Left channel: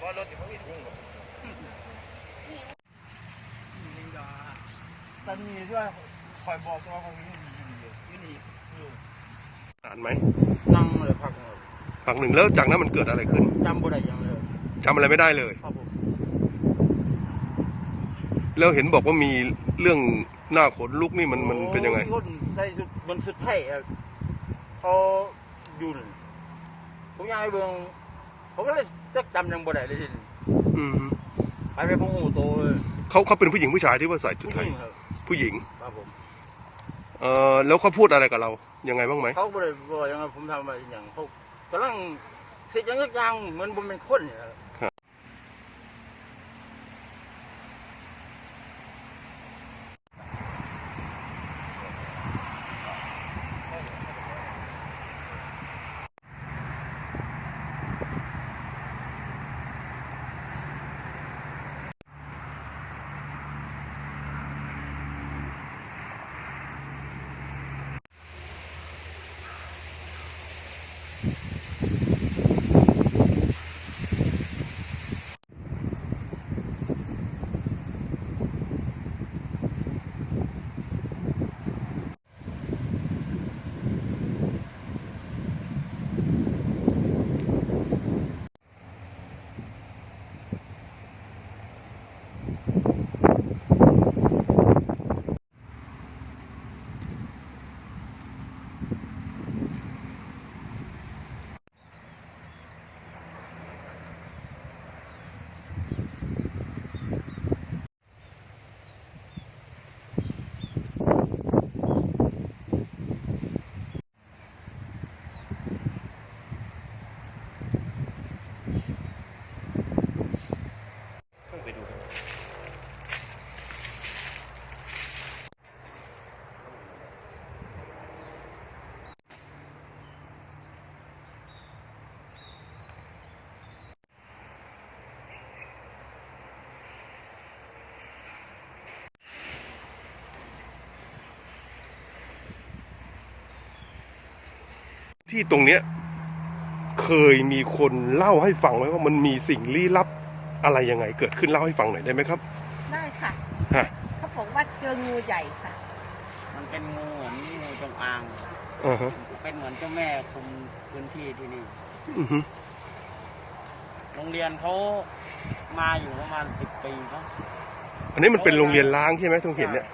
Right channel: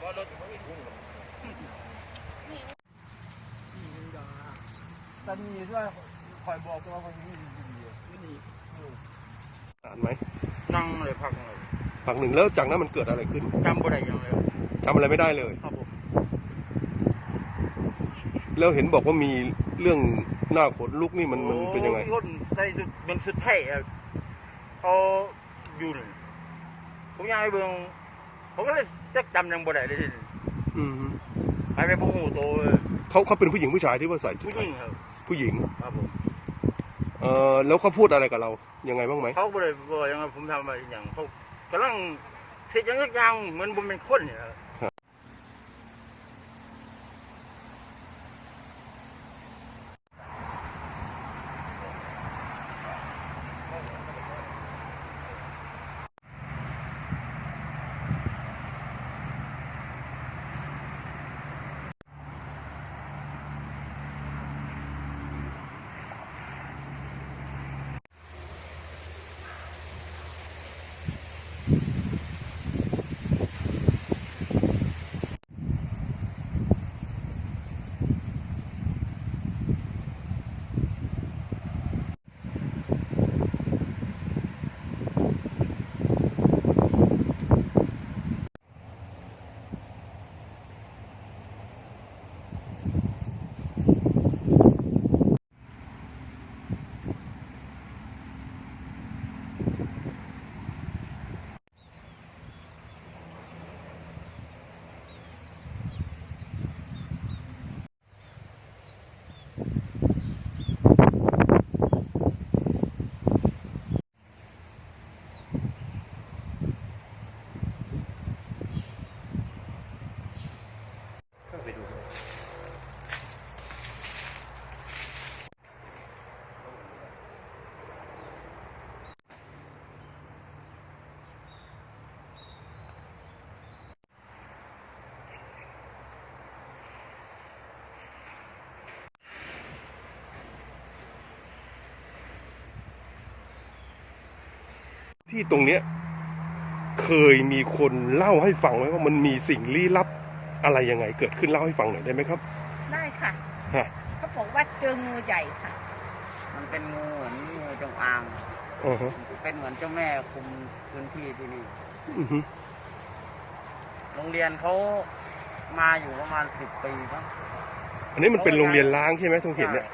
ตอนนี้ด้วยคอยบอกว่าคนนี้ดีนี่นานไหมนั่งเลยพักครับพักหนึ่งแล้วจากนั้นมันเกิดอะไรขึ้นจำบ่ได้ยังเลยจำอะไรไม่ได้เลยครับผมแล้วเห็นบอกว่ามีเรื่องหน้าขนลุกนี่มันมันเป็นยังไงโอ้คนใส่สุดเป็นสุดไทยอะเขาอยู่นี่ผมยังไงเบิ่ง ผมก็เลยจักจำยังบ่ได้เลยทีนี้อืมไปไปพงหูโตเลยเขาเขาเป็นผู้หญิงผู้ชายที่ว่าใส่ชุดผู้ไทหยญิงครับผู้หญิง ครับผมเออแล้วเขาพูดอะไรกับเรายังไงบ้างไหมเขาบ่ได้บอกยังไงผมทำอะไรอย่างเขากำลังเสร็จยังสักอย่างเหมือนผมเป็นคนเนี่ยครับ ที่ตรงเนี้ยเคยมีคนเล่าให้ฟังไหมว่ามันมีสิ่งลี้ลับอะไรยังไง เกิดขึ้นเล่าให้ฟังหน่อยได้ไหมครับ ได้ค่ะฮะเขาบอกว่าเจองูใหญ่ค่ะ มันเป็นงูเหมือนงูจงอาง อ่าฮะเป็นเหมือนเจ้าแม่คุมพื้นที่ที่นี่ อือฮึโรงเรียนเขามาอยู่ประมาณสิบปีครับอันนี้มันเป็นโรงเรียนล้างใช่ไหมทุงเห็นเนี่ย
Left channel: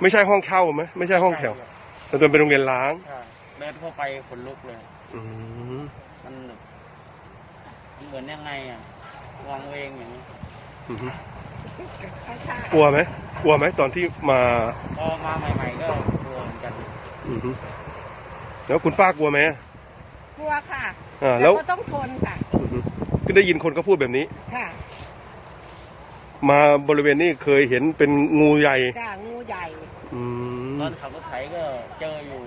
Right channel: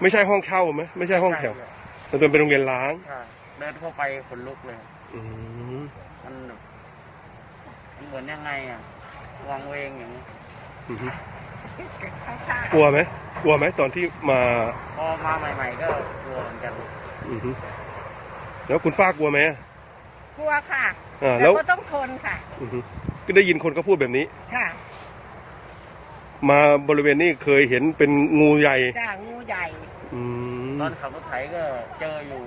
ไม่ใช่ห้องเช่าไหมไม่ใช่ห้องแถวแต่ตัวเป็นโรงเรียนล้าง ใช่ เดินเข้าไปขนลุกเลย อืมมันแบบมันเหมือนยังไงอะวางเวงอย่างนี้อือฮึข้างกลัวไหมกลัวไหมตอนที่มาพอมาใหม่ ๆ ก็กลัวเหมือนกัน อือฮึแล้วคุณป้ากลัวไหมกลัวค่ะอ่าแต่แล้วก็ต้องทนค่ะอือฮึก็ได้ยินคนเขาพูดแบบนี้ ค่ะมาบริเวณนี้เคยเห็นเป็นงูใหญ่จ้างูใหญ่ อืมตอนขับรถไถก็เจออยู่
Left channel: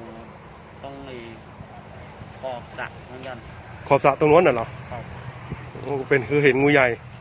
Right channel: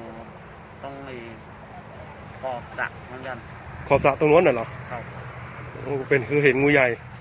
ตรงไอ้ขอบสระเหมือนกัน ขอบสระตรงนู้นน่ะเหรอครับ โอ้เป็นคือเห็นงูใหญ่ค